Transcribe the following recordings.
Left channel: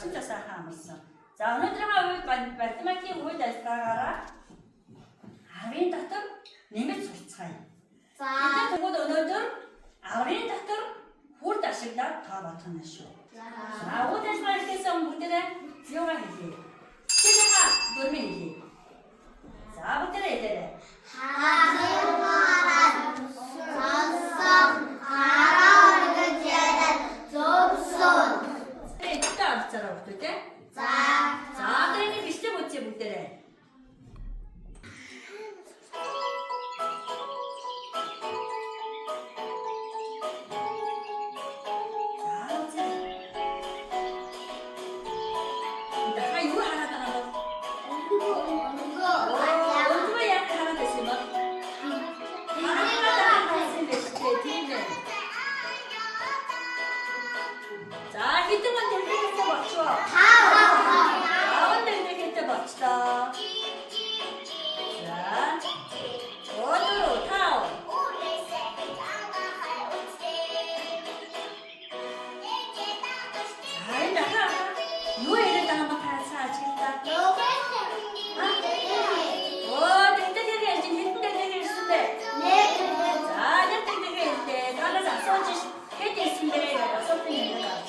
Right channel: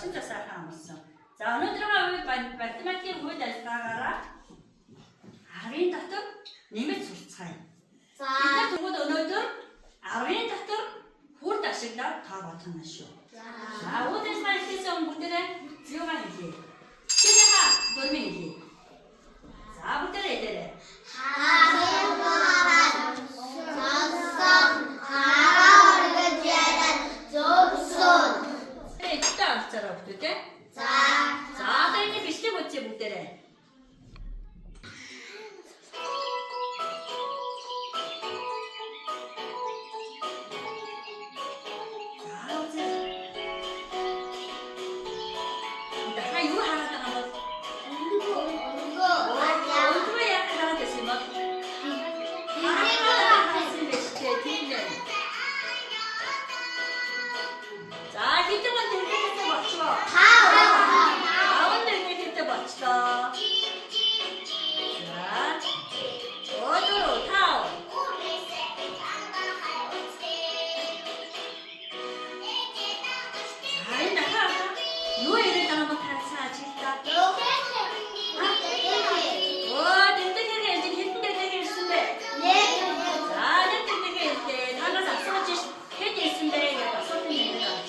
진짜 сайхан амарсан. За өнөөдрийн үед математикийн үйл ажиллагаагаараа 10-ын дотор нэмэлт сурцгаая. Бид тэгвэл өнөөдөр 10-ын дотор хүрд ашиглаад тоо бодно шүү. За үйл ажиллагаа хийхээс өмнө бүгдээрээ юугаа хийлээ? Тэгээха дөрмийн хийлээ. За бүгдээрээ хэлээрэй. 알았잖아, 어떨 때? 자, 그러니 비슷해 보지, 못되네. 자, 어째. 자, 이거 하나 더 하고. 얼굴에 약간 하나 됐으면. 하나 됐으면 베스트 팀은. 자, 히트만 들게. 가운데 이렇게 맞추다. 자, 어디로 타오. 자, 이따가 누에를 따면 다 사지다. 땡땡이가 이제 힘들게 있는데. 자, 땡땡이가 이제 나가서 써지 해지 있는데 내가 써지 있는 거 같지.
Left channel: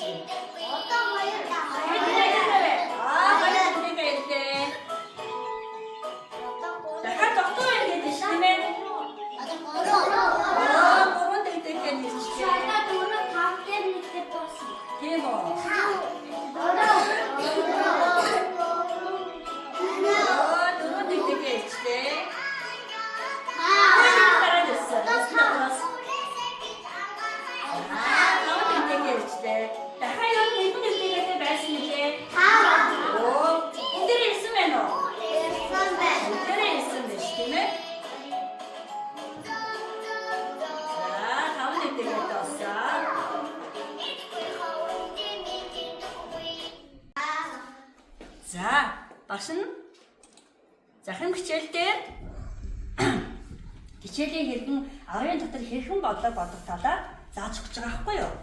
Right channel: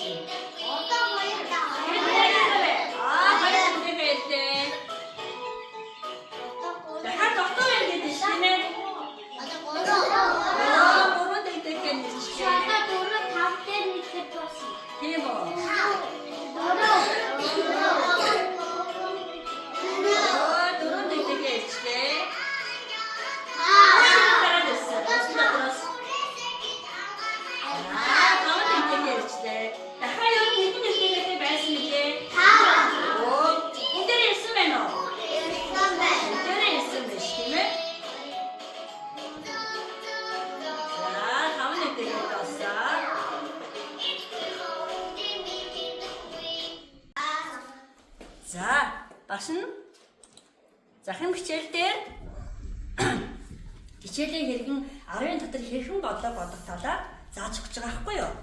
자, 맛은 자, хэн хичээл дээр хичээлийн хэрхэн 10-ын дотор хэрхэн бодогдолоо зааж өгч байгаа байхгүй юу?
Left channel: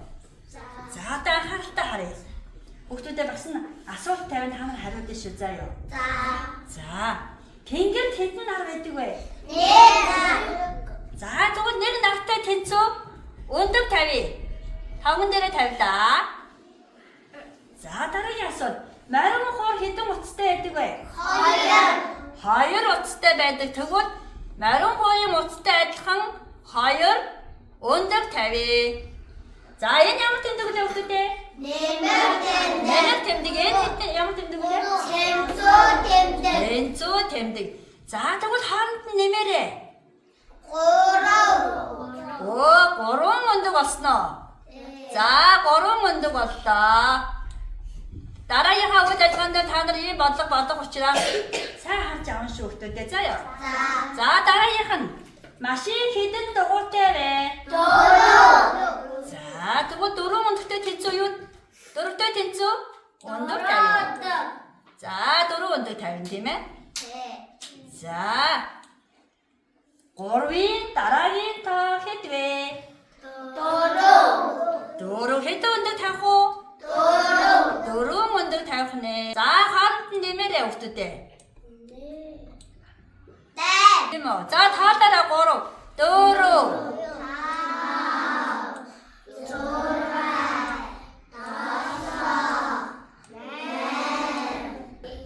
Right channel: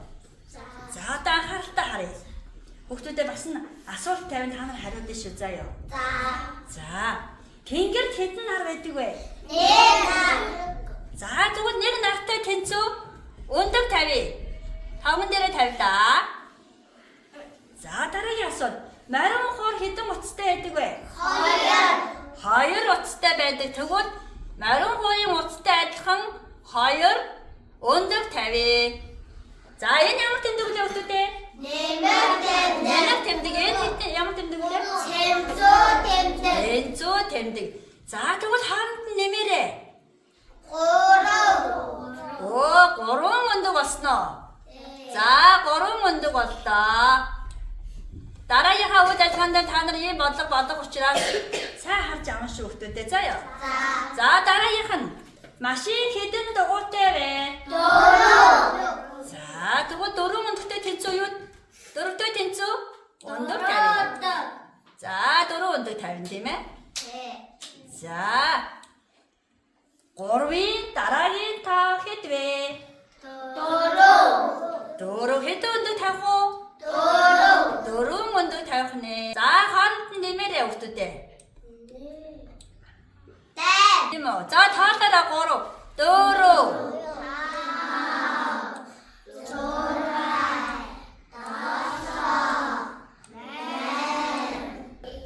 За, одоо анхааралтай харъя. Хүүхдүүдээ бас асуулт тавиад та нар хариулна шүү заяа. За, тэнгэрт хэдэн нар байдаг вэ? 1. За, тэгвэл 1 нартай тэнцүү өндөр тавья. таван дээрээ тавилаа. За, дараагийн асуулт. Марин хоор хэдэн утастай байдаг вэ? 2. 2 утастай байдаг. Тэгвэл марин хоорын утастай адилхан 2 өндөр тавья. За, энэ ямар тэмдэг вэ хүүхдүүдээ? Нэмэлт тэмдэг. Энэ ямар тэмдэг вэ? Тэнцүү тэмдэг. За, тэгвэл хаанд нь нэмээрэй. 3. 3 өндөр болсноо. За, 3 өндөр боллоо. дараагийнхаа үйл ажиллагаанд та нар ийм бодлого бодох учраас сайн харж авах шүү хүүхдүүдээ заяа. За дараагийнх нь машин хэдэн дугуйтай вэ? 4. За тэгвэл 4 өндөртэй тэнцүү юу? 4-тэй тэнцүү? Өндөр 50. За 4 өндөр 50 тийм ээ? За 3-ийн дараагийн тоо хэд вэ? 4. 4 хэд өндөр тавих уу? 4 өндөр тавих нэ. За хаанд нь нэмээрэй хүүхдүүдээ. Тийм үү. За тоолоорой 3, 4.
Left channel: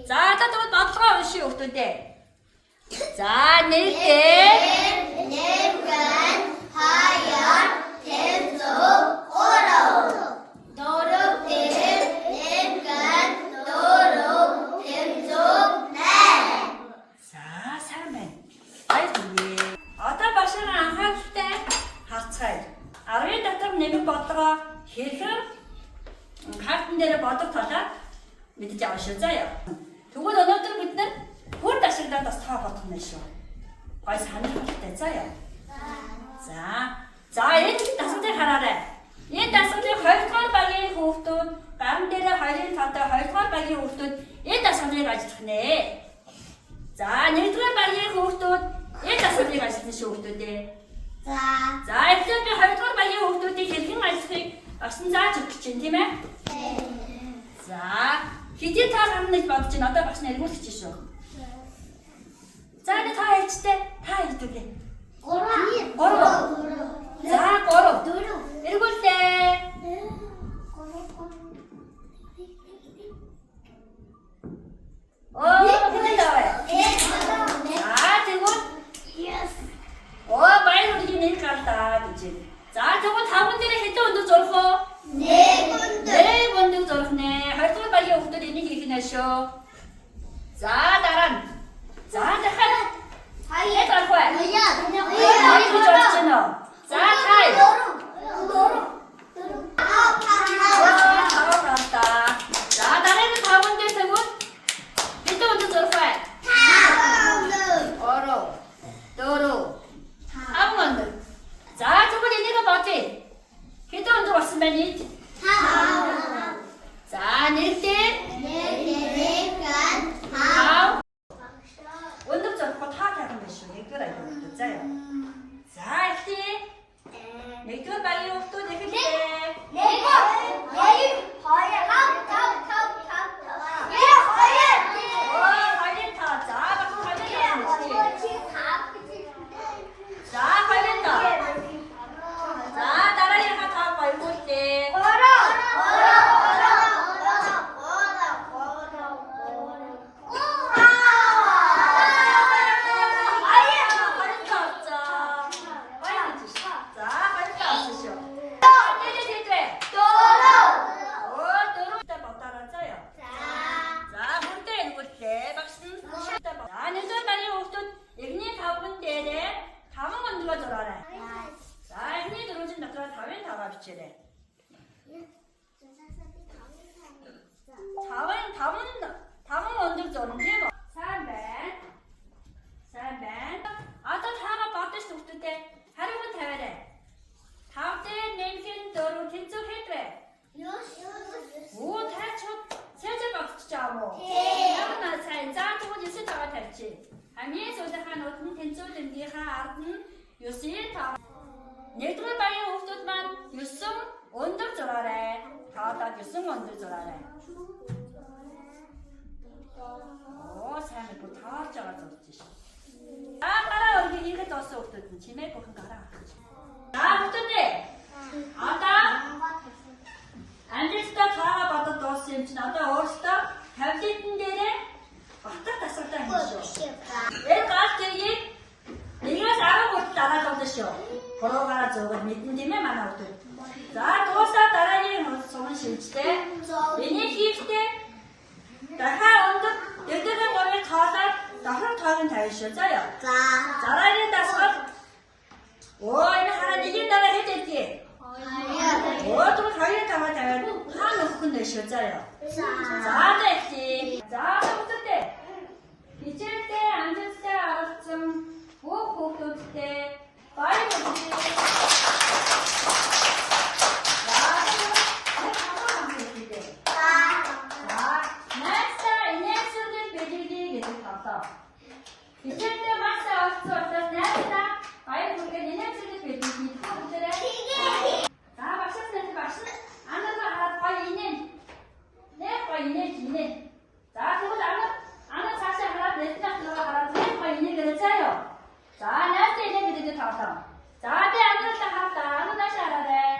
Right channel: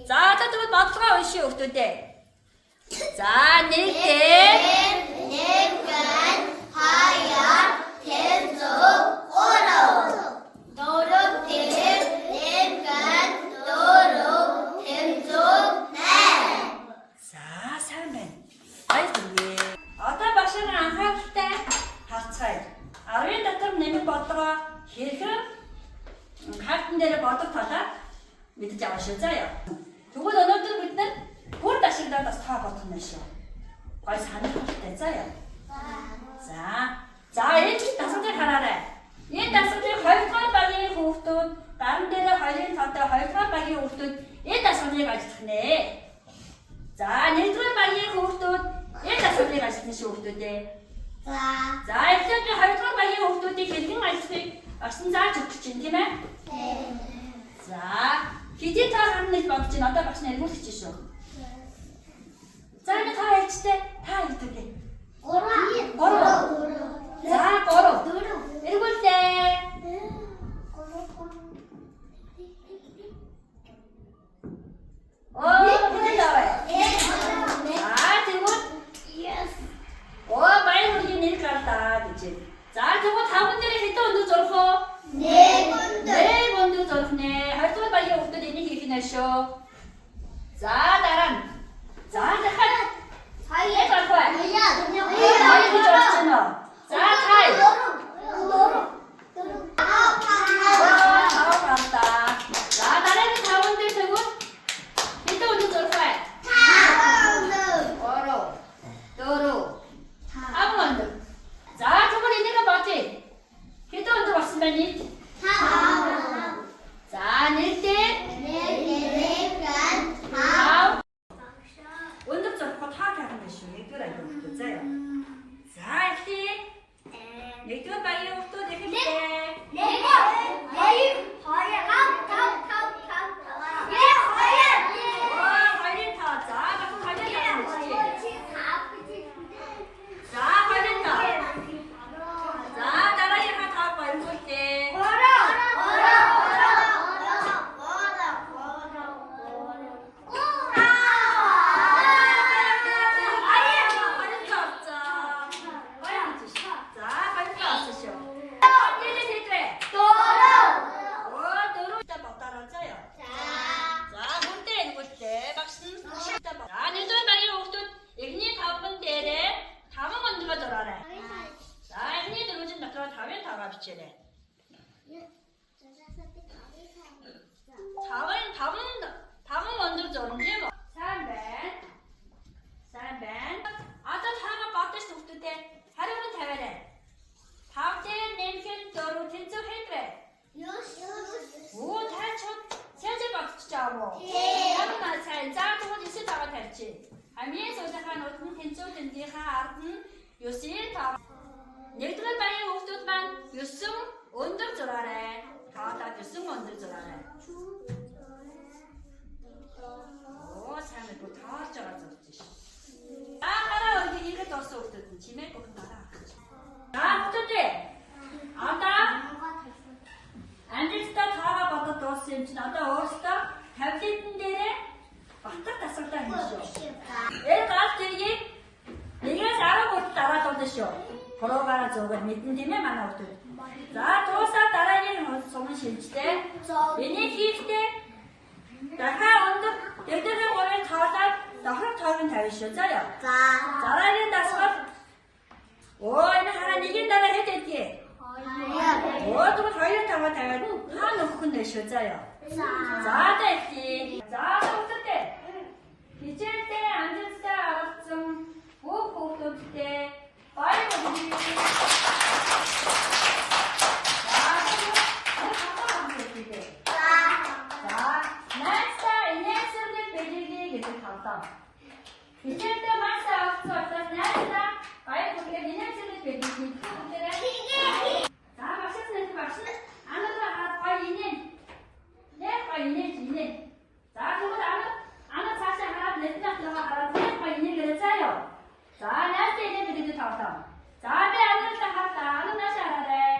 За тэгвэл бодлогоо уншия хүүхдүүдээ. За нэгтэй хэрхэн картн дээр бодох талаар мэдж авах шүү заяа. Тэгвэл өнөөдөр бид нар бүр ашиглаад бас тоо бодох нь шүү. Гой санахтай заяа. За энэ дасгалыг хараарай. Энэ дасгалыг 2 дугаар багийн хүүхдүүд гарын дээр 2-ын тоотой 2 дугаар багийн хүүхдүүд энэ дасгалыг ажиллах нэ. За 1 дугаар багийн хүүхдүүд энэ дасгалыг ажиллах шүү хүүхдүүдээ. За эхлээд би 2 дугаар багийн хүүхдүүдийг хэрхэн ажиллахыг Орчин зааж өгч чинь тийм ээ? За, хэдий та харныг бодож байна. Одоо багш нарыг үлдчихэж шүү. За, энэ та хэлжтэй. Та хэлдэг. 3. За, 3. Эргүүлээ. Хэдий тавай. За, тэгвэл. Баяр үргийн нэг гардаа гэж. За, тэгвэл 5 дээр хэдэн өндөр зурх вэ? 4 өндөр зурх нэ. 2 дугаар багийн хүүхдүүд энийг хийх нэ шүү. За, дараа нь. За, дахиад. Хаяа зурх вэ? Хаяа гэж орж байна уу? За, тай. 5 За, дараа нь 5 дээр тэгвэл хэдэн өндөр зурх вэ? 3 4 За, тэгвэл энийг бодъё. Хэдэн өндөр болсон байна ий? 5. За, нэрдээ? 5. Өндөр зурхад хаа тавих юм шүү. Нэгдүгээр англи хүүхдүүд заа яа. За, ихтэй. Нэгдүгээр багийн хүүхдүүд ихтэй. 4 өндөр зурмжээ мо. Сайн байна. Одоо таамаа бодож зүгтүүдээ хариуг тавиарай. 5 дээр нэмхэн 4 тэнцүү хийдрээ. Тайчууд цэцэ бодчихжээ мó. Ямар сайн. За тэгвэл 9 таваа тавьчих. Хамгийн сүүлийнхаа нууд нь тэнцүүдийнхаа ард нь 9 тав. Нэгдүгээр багийн хүүхдүүд маань 9 өндөр зураарай. Таадад 9 өндөр зураарай. Сайн нэг тааж байгаа зүгч шүү. Гараа өргөж ирэхэд болсон хүүхдүүд нь чимээ бүхэн гараа авчих. Хүүхдүүдээ. Одоо ангилтаа таагаа бодод дууссан юм чинь одоо өөртөө таблетэн дээрээ батар тасалдаа хийж шүү. Гал тэргийг 1-ээс 10 хүртэл дараалуулна шүү. Хороогараа зургал мэдэн тийм ээ манай хүүхдүүд. За дуусаа дараагийн сумын шилжтэй. Энийг хийхдээ дахиад өндөр дэгдэхэн гурыг тоолоод давхар тоолын тавина шүү. За яа. Дараагийн дасгал. Энэ хараа нэгийн дараа хэд хэдий. Тэгвэл 2 таваа тавиад хаа нөхөх нь шүү. За яа. За дэхий. За хүүхдүүдээ. Хичээлдээ амжилттай оролцсон бүх хүүхдүүдтэй баяр хүргэе. Хичээлдээ маш авсан учраас найдаа баяр хүргэе. Инээсэлийг бидний бүгдээрээ. За багшаас нэг багш. Анаа хараад гоё инээ. Нэг гоё инээ. За тэгвэл анаа цаашаа хараад нэтлэх нөгөө хараад нэг гоё инээ гэрээ заяа. За найдаа инээ бидний таалаа. За би анаатай хатаа анаа наашаа хараарай.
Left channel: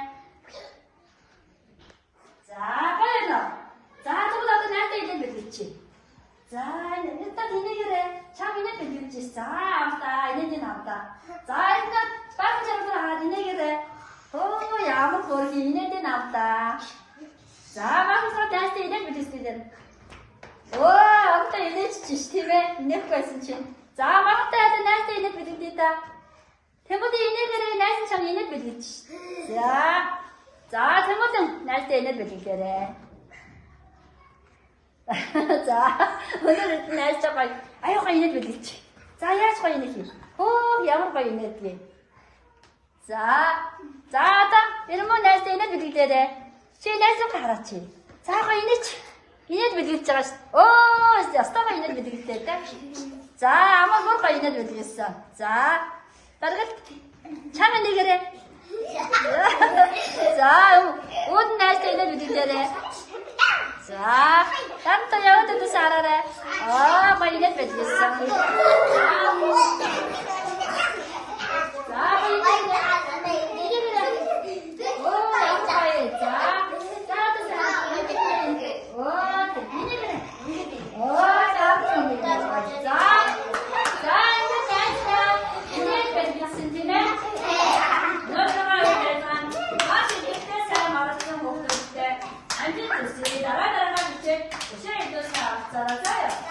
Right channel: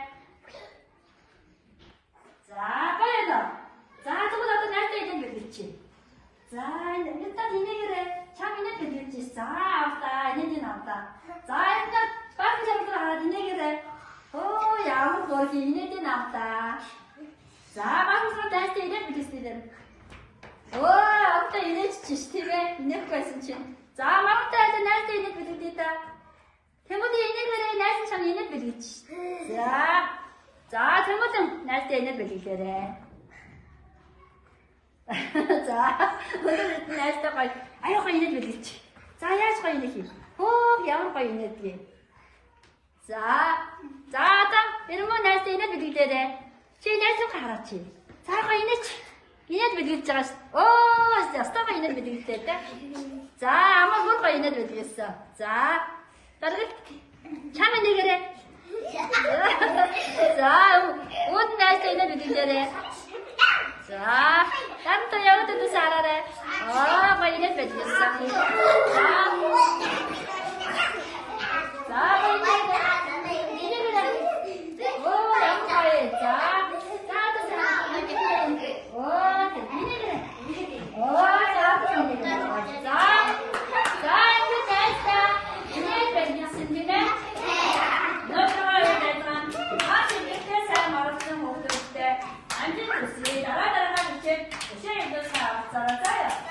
За гоё. За тэгвэл одоо найдаа инээ бидлээ. За нэттэ инээ гэрээ. Чам инээ бидлээ. За автаа инээ авта. За энэ бахан жаргал хараад инээ гэрээ. Ямар гоё инээ авта. За бахан дайстай инээ бидлээ. Одоо инээж чиш тийм ээ. Нэг байсан чинь. За магадгүй одоо найстай инээд бэлгэлээ та. Тэгвэл инээдэрээ найс чам инээд бэлгэлж ш. За тэгвэл найстай инээд бэлгэлээрээ. За өнөөдөр найс чам аюугаа инээд бэлгэлж. За яаж гоё инээд хийх. Ямар гоё инээд гээ. За одоо ирмөө найстай инээд бэлгэлээрээ. Чи найсаа хараач. За гоё инээч. Инээд бэлгэлж байгаа ш. Ястаа инээд бэлгэлээ та. За амаа гоо инээд бэлгэлсэн. За баргал чам инээгээрээ. За өөд найстай инээд бэлгэлээрээ. За 앉듯이 나라나라 하듯이 시아이도 잘 살아서요.